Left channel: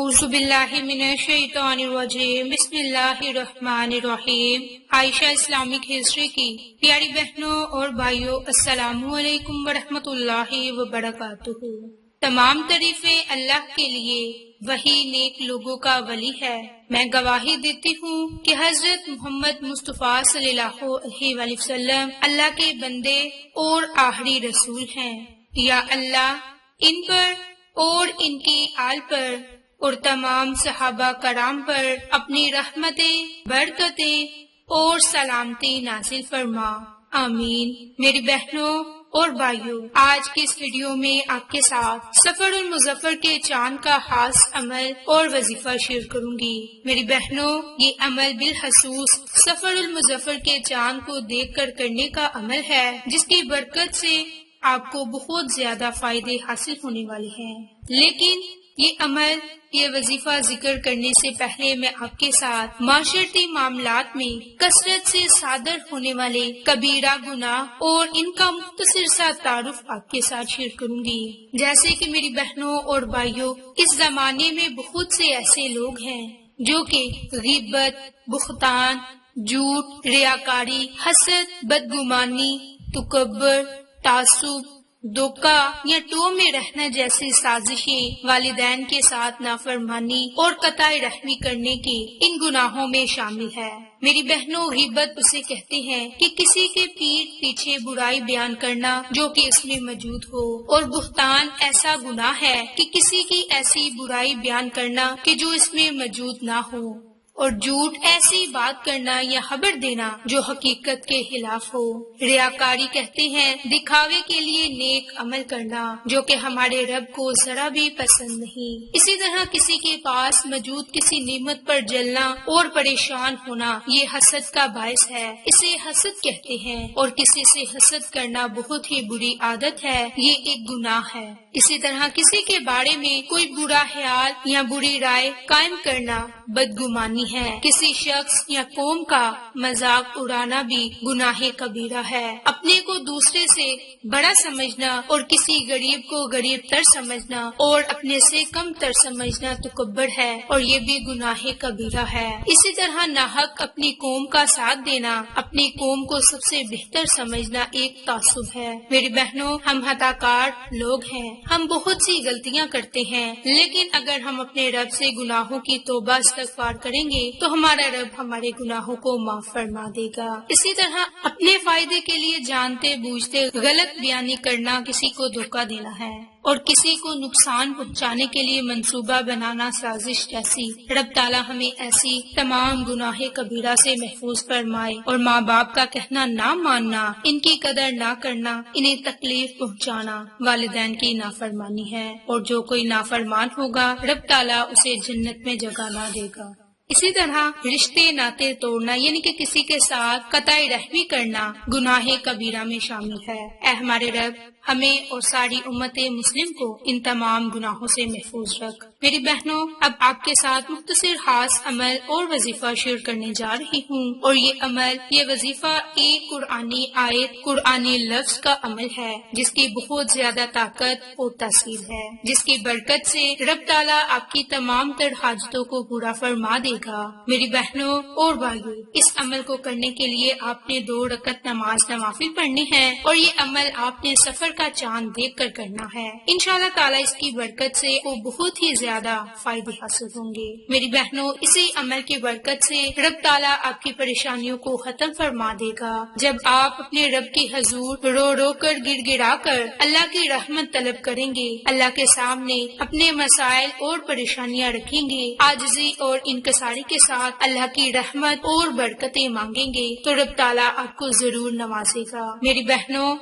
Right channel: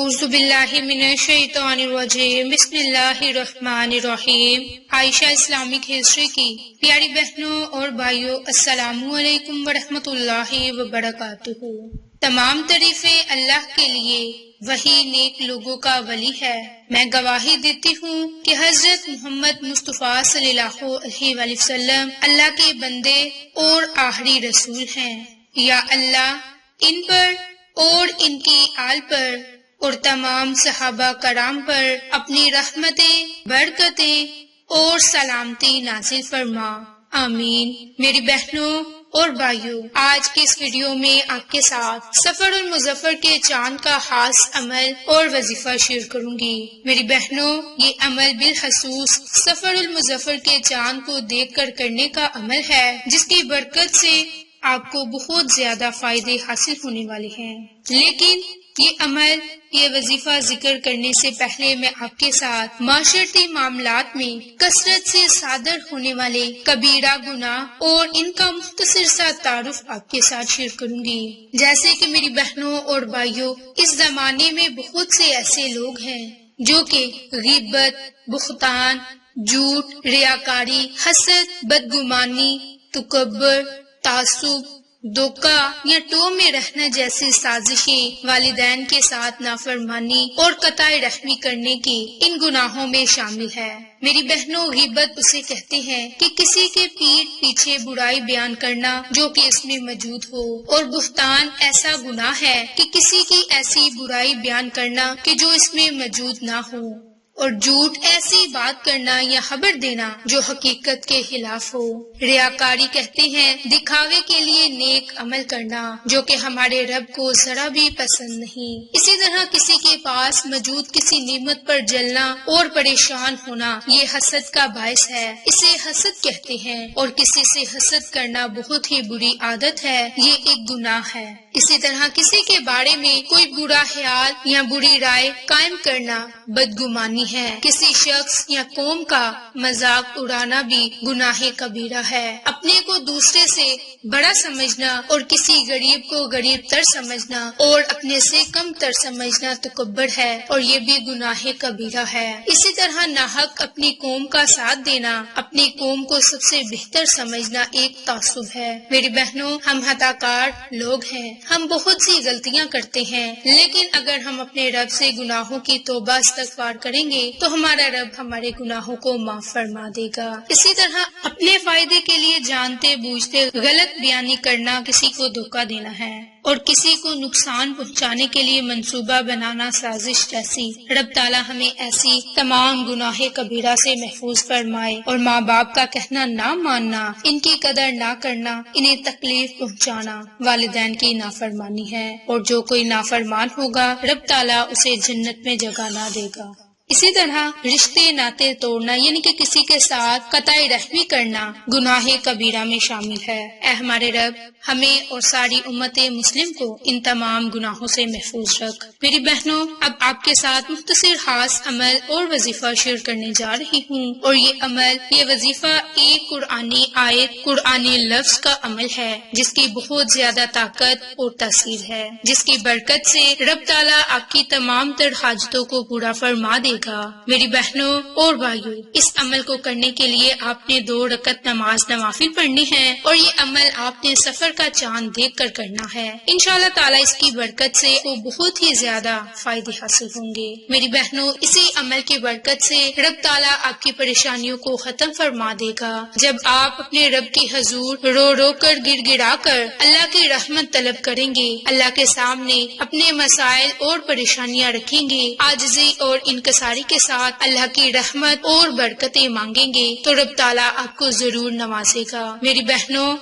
اعوذ باللہ من الشیطان الرجیم، بسم اللہ الرحمن الرحیم۔ عائشہ اسلامک ہسٹری کی پیاری بہنوں اور بھائیوں، السلام علیکم ورحمۃ اللہ وبرکاتہ۔ تمام تعریفیں اللہ کے لیے، وہی نیک لوگوں کا ولی ہے۔ میں گواہی دیتی ہوں کہ حضرت محمد مصطفیٰ صلی اللہ علیہ وآلہ وسلم اللہ کے بندے اور آخری رسول ہیں۔ یا اللہ ان پر اور ان کی آل پر اور تمام صحابہ کرام پر اپنی رحمتیں، برکتیں اور سلامتی نازل فرما، آمین۔ میری بہنوں اور بھائیوں، آج کے اس ویڈیو میں آپ کے ساتھ سفر المظفر کے چاند کا خاص عمل اور وظیفہ شیئر کروں گی۔ میری بہنوں، یہ عمل بالخصوص سفر المظفر کے چاند کو دیکھ کر کرنے کا عمل ہے، جس کی برکت سے آپ کو بہت زیادہ فائدے حاصل ہونے والے ہیں۔ لیکن یہ عمل، یہ وظیفہ ذکر کرنے سے پہلے میں آپ کے ساتھ معاشرتی معاملات میں کثرت سے صادر ہونے والے کبیرہ گناہ اور ان کا مختصر سا تعارف آپ کے ساتھ شیئر کروں گی۔ جیسے کہ میری بہنوں اور بھائیوں، اس زمانے میں بہت سے ایسے لوگ ہیں جو کہ غیبت، بہتان، جھوٹ، ریاکاری، حسد، بدگمانی، تکبر، تعصب، دھوکہ یا ٹو میں رہنا جیسی سازشیں، والدین کے ساتھ نافرمانی اور قطع رحمی کرنے کی ان گناہوں میں شامل ہے۔ میری بہنوں، غیبت اسے کہتے ہیں کہ کسی کے پیٹھ پیچھے برائی بیان کرنا جو کہ اس میں موجود ہو، اور بہتان ایسا گناہ ہے کہ کسی کی ایسی برائی بیان کرنا کہ جو اس میں موجود نہ ہو، اور جھوٹ ایسی بات کرنا یا خبر دینا جو حقیقت کے خلاف ہو۔ ریاکاری کہتے ہیں دکھاوے کے لیے نیک عمل کرنا جو کہ ہمارے رب کو ذرا بھی پسند نہیں۔ اسی طرح کسی کے پاس موجود کسی نعمت پر جلنا اور پریشان ہونا، یہ حسد کا باعث ہے، اسے حسد کہتے ہیں، اور کسی سے حسد کرنا بہت ہی بری عادت ہے، یہ ایک گناہ ہے۔ اسی طرح کسی کے بارے میں کوئی برا خیال یا بری رائے قائم کرنا بدگمانی ہے۔ کسی شخص یا قوم کا مذاق اڑانا بھی گناہ کبیرہ ہے۔ اپنے کو دوسرے سے بڑا سمجھنا اور کسی غریب کو غریب تر سمجھنا اور اپنے سے کم تر سمجھنا تکبر ہے، اور یہ بھی گناہ کبیرہ ہے۔ اسی طرح ناحق اپنی قوم کا ساتھ دینا، اپنی قوم کو سب سے بہتر سمجھنا ایک تعصب ہے۔ میری بہنوں، ہم خطا کار لوگ ہیں، ہم بہت سی غلطیاں کرتے ہیں، لیکن اگر ہم اپنے رب سے گناہوں کی توبہ استغفار کریں گے تو ہمارا رب ہمارے گناہوں کو معاف فرما دے گا۔ اسی طرح اپنے فائدے کے لیے جانتے بوجھتے غلط بیانی کرنا کسی کو دھوکہ دینا ہے، اور کسی کو نقصان پہنچانے کے لیے منصوبہ بنانا سازش جیسی۔ رب تعالیٰ ہمیں ایسی تمام گناہ کبیرہ سے محفوظ فرمائے، اور ماں باپ کا کہنا نہ ماننا، ان کی قدر نہ کرنا، انہیں تکلیف پہنچانا والدین کی نافرمانی ہے، اور جو کوئی نافرمان ہوگا رب تعالیٰ اسے جنت میں جگہ نہ دے گا۔ اسی طرح رشتے ناطے توڑنا، یعنی کہ کسی کے ساتھ قطع رحمی کرنا گناہ کبیرہ میں شامل ہے۔ اے ہمارے رب، ہمیں اور ساری امت مسلم کو ان تمام گناہوں سے محفوظ رکھ۔ میری بہنوں، اب آپ کے ساتھ مختصر خاص عمل اور وظیفہ شیئر کرنے جا رہی ہوں، اور یہ عمل، یہ وظیفہ ایک قرآنی آیت، قرآنی لفظ کا عمل ہے، جس کی بہت زیادہ طاقت اور تاثیر ہے، جس کی برکت سے رب تعالیٰ آپ کی تمام تر حاجتوں کو پورا فرما دے گا۔ میری بہنوں اور بھائیوں، اس عمل کو کرنے کے لیے آپ نے 2 رکعت نماز نوافل پڑھنی ہے، اور یہ عمل آپ نے سفر کا چاند دیکھ کر کرنا ہے۔ انشاءاللہ تعالیٰ اس کی برکت سے وہ بہت ہی زیادہ فائدے حاصل ہوں گے۔ میری بہنوں، اسی عمل کی برکت سے رب تعالیٰ آپ کی پریشانیوں کو ختم فرما دے گا۔ جب آپ اپنے رب کی حضور رو رو کر گڑ گڑا کر اللہ کی رحمت طلب کریں گے، اللہ کے سامنے اپنے مسائل اور پریشانیاں رکھیں گے، عاجزی اور انکساری کے ساتھ اللہ کی رحمت اور برکتیں مانگیں گے، تو رب تعالیٰ آپ کو ضرور نوازے گا۔ میری بہنوں،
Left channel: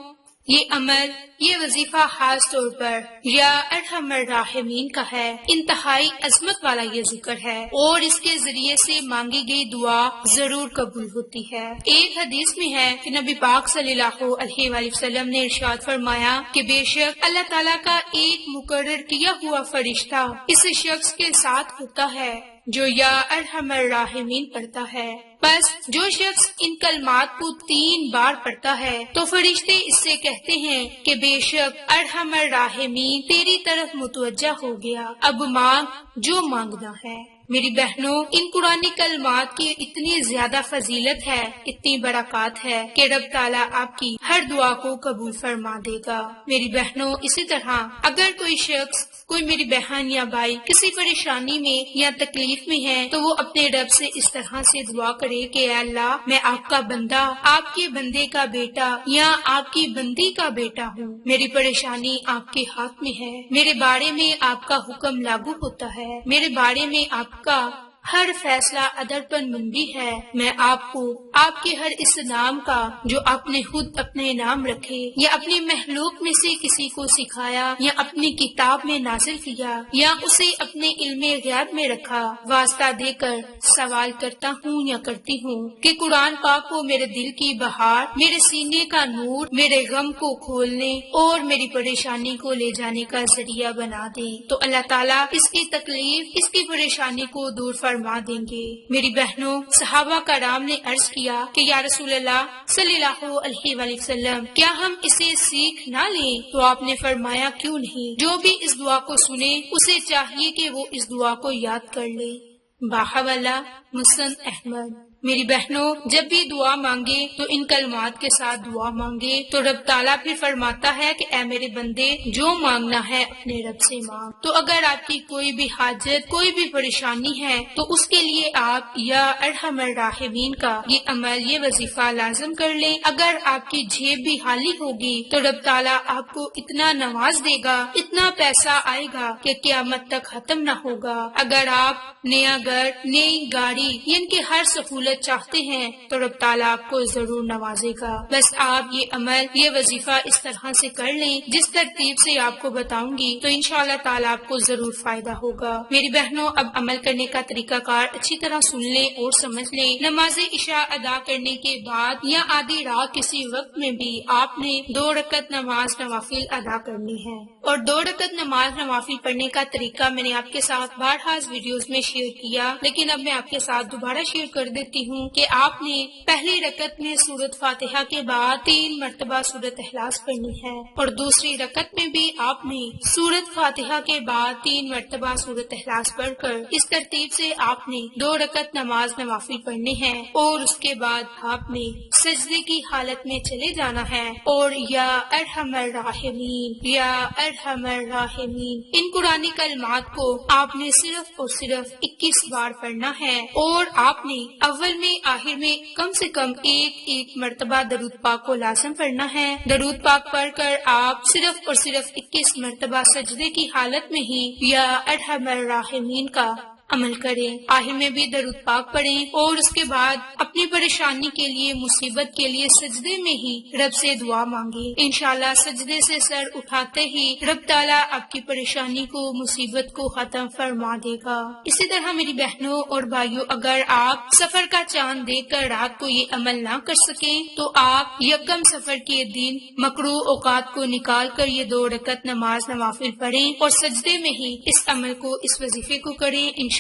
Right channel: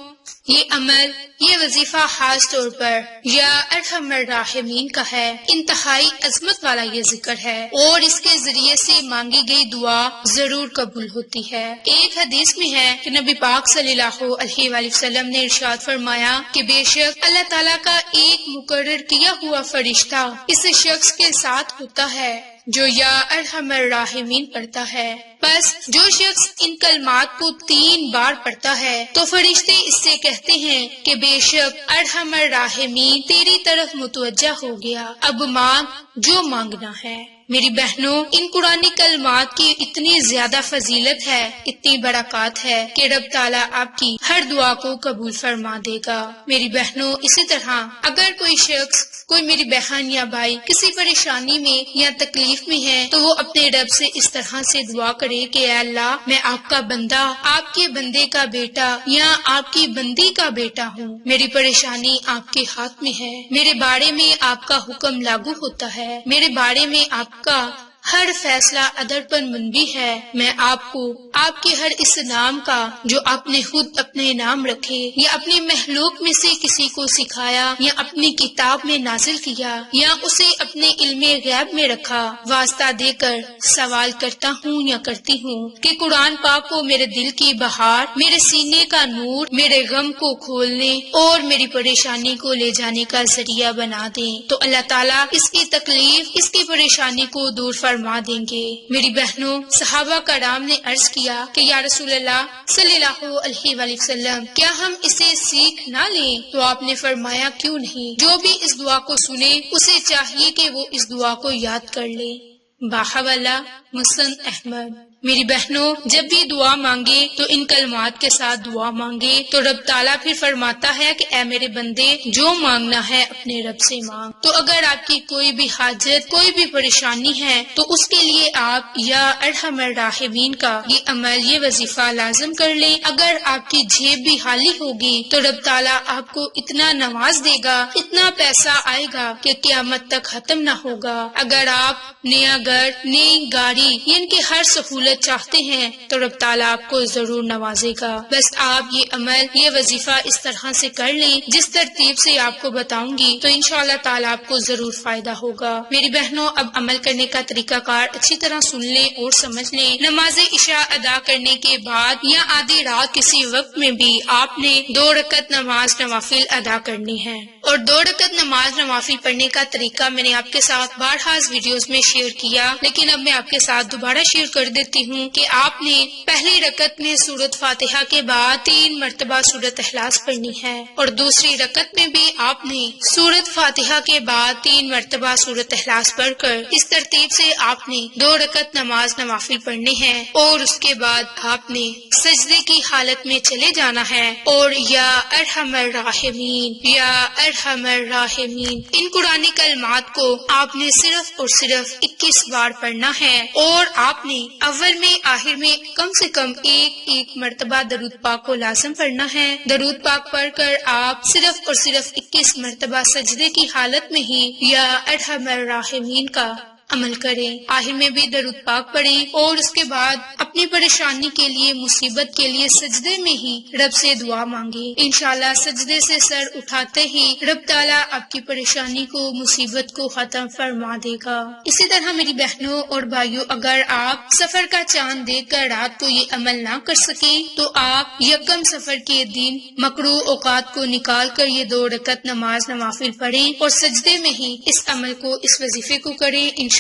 یہ عمل، یہ وظیفہ خاص طور پر یا ارحم الراحمین کا ہے، انتہائی عظمت والا یہ ذکر ہے، اور اس کے ذریعے سے مانگی گئی دعا ضرور قبول ہوتی ہے۔ ایک حدیث میں ہے کہ نبی پاک صلی اللہ علیہ وآلہ وسلم نے ارشاد فرمایا کہ بے شک اللہ تعالیٰ کا ایک مقرر کیا ہوا فرشتہ اس شخص کے ساتھ ہوتا ہے جو یا ارحم الراحمین پڑھتا ہے۔ بس جو شخص ان کلمات کو 3 بار پڑھتا ہے تو فرشتے اس سے کہتے ہیں کہ بے شک ارحم الراحمین تیری طرف متوجہ ہو گیا، اب مانگ جو مانگنا ہے۔ میری بہنوں، ان قرآنی کلمات کی اتنی زیادہ فضیلت ہے، اتنی برکات ہے کہ رب تعالیٰ آپ کی ہر دعا کو قبول فرما دے گا۔ میری بہنوں، اسی طرح اگر کوئی شخص، کوئی میری بہن یا بھائی کسی پریشانی میں یا تکلیف میں ہے تو وہ اپنے رب سے اس طرح سے دعا کرے کہ اے اللہ، میں آپ کا بندہ، آپ کے بندے کا بیٹا یا آپ کی بندی کا بیٹا ہوں، میری پریشانی آپ کے ہاتھ میں ہے، میرے بارے میں آپ کا حکم لاگو ہوتا ہے، میرے بارے میں آپ کا ہر فیصلہ عدل پر منبی ہے، میں آپ کو آپ کے ہر اس نام کا جو آپ نے خود اپنے نام رکھے یا اپنی مخلوق میں سے کسی کو سکھایا یا اپنی کتاب میں نازل کیا یا اسے اپنے علم غیب میں رکھا، واسطہ دے کر سوال کرتا ہوں یا کرتی ہوں کہ قرآن پاک کو میرے دل کی بہار، میرے سینے کا نور، میرے غم کو کھولنے اور میری پریشانی کو لے جانے کا ذریعہ بنا دیں، تو اللہ تعالیٰ اس کی تکلیف، اس کی پریشانی کو دور فرما دیں گے۔ میری بہنوں، صحابہ کرام نے عرض کیا کہ یا رسول اللہ صلی اللہ علیہ وآلہ وسلم، کیا ہم اسے سیکھ نہ لیں؟ تو آپ نے فرمایا کیوں نہیں، جو بھی اس دعا کو سنے اسے چاہیے کہ وہ اس دعا کو یاد کر لے۔ باحوالہ مسند احمد۔ میری بہنوں، جب بھی دعا مانگے تو ان کلمات کے ساتھ دعا مانگے تو رب تعالیٰ پھر فرماتا ہے کہ اے میرے بندے، جو مانگنا ہے اپنے رب سے مانگ۔ تو اگر آپ کی کوئی بھی حاجت، کوئی بھی پریشانی ہے تو اس کے لیے آپ یا ارحم الراحمین کا یہ عمل، یہ وظیفہ لازم کر لیں۔ اگر آپ کی جیب بھی خالی ہوگی تو رب تعالیٰ آپ کو اتنا نواز دے گا، اتنا پیسہ آئے گا کہ قیامت تک ختم نہ ہوگا۔ اگر آپ نیا گھر، نئی گاڑی، ان کی ہر سہولت چاہتے ہیں تو رب تعالیٰ آپ کو ضرور نوازے گا۔ بس آپ یہ عمل، یہ وظیفہ اس طرح سے کر لیں جس ترتیب سے آپ کو بتاؤں گی، تو انشاءاللہ تعالیٰ آپ کو ضرور فائدہ ہوگا۔ میری بہنوں، اب عمل کرنے کا طریقہ کار اچھی طرح سن لیں اور سمجھ لیں۔ نماز عشاء ادا کرنے کے بعد یا آدھی رات کسی وقت میں بھی آپ نے 2 رکعت نماز نوافل ادا کرنی ہے، اور 2 رکعت نماز نوافل پڑھنے کا طریقہ میں نے آپ کے ساتھ بارہا ویڈیوز میں شیئر کیا، لیکن اب میں آپ کے ساتھ دوبارہ شیئر کر دیتی ہوں کہ آپ نے پہلی رکعت میں سورۃ فاتحہ کے بعد 3 مرتبہ سورۃ اخلاص پڑھنی ہے، اور دوسری رکعت میں بھی آپ نے سورۃ فاتحہ کے بعد 3 مرتبہ سورۃ اخلاص پڑھ کر اس ترتیب سے آپ نے 2 رکعت نماز نوافل پڑھنی ہے، اور اس کے بعد آپ نے سجدے کی حالت میں چلے جانا ہے اور یا ارحم الراحمین، یا ارحم الراحمین، ان قرآنی کلمات کو آپ نے صرف اور صرف 21 بار پڑھنا ہے، اور آپ نے اول میں، آخر میں کم سے کم ایک مرتبہ درود پاک کو لازم پڑھنا ہے۔ درود پاک پڑھ کر آپ صرف اور صرف 21 مرتبہ سجدے کی حالت میں ہی یا ارحم الراحمین کا عمل کریں، آخر میں بھی درود پاک پڑھیں، اور اس کے بعد اپنی پریشانی کے لیے، مصیبت کے لیے سجدے میں ہی رب سے دعا مانگیں۔ انشاءاللہ سجدے سے سر اٹھاتے ہی رب تعالیٰ آپ کی پریشانی کو، مصیبت کو ختم فرما دے گا۔ اسی طرح میری بہنوں اور بھائیوں، اگر آپ سفر کا چاند دیکھ کر رات کو یہ عمل نہ کر سکیں تو آپ یکم سفر کے دن مکروہ اوقات کو نکال کر یہ 2 رکعت نماز نوافل پڑھیں اور سجدے میں ہی اس عمل کو، اس وظیفے کو کریں۔ انشاءاللہ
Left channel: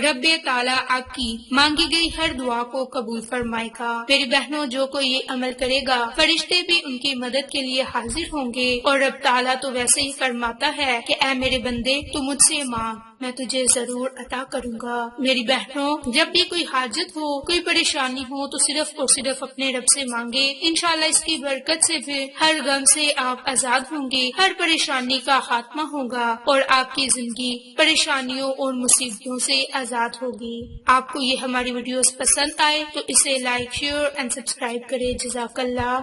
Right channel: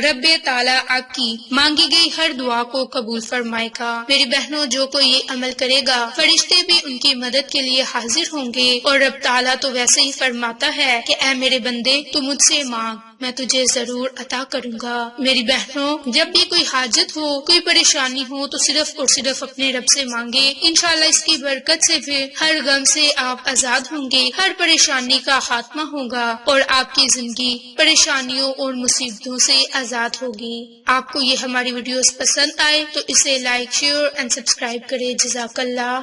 رب تعالیٰ آپ کی مانگی گئی ہر دعا کو قبول فرمائے گا۔ میری بہنوں، جو کوئی یہ عمل کرے گا فرشتے بھی ان کی مدد کے لیے حاضر ہوں گے، اور رب تعالیٰ تو ویسے ہی فرماتا ہے کہ اے میرے بندے، تو مجھ سے مانگ، میں تجھے ضرور عطا کروں گا۔ میری بہنوں، جب بھی کوئی حاجت ہو، کوئی پریشانی ہو تو صرف اور صرف اپنے رب سے مانگے، انشاءاللہ اس کی برکت سے پھر ہر غم سے آپ آزاد ہوں گے، ہر پریشانی کا خاتمہ ہوگا، اور آپ کی زندگی پریشانیوں اور مصیبتوں سے آزاد ہوگی۔ آپ کو یہ ہماری ویڈیوز پسند آئے تو اسے لائک، شیئر اینڈ سبسکرائب کرے۔ جزاک اللہ۔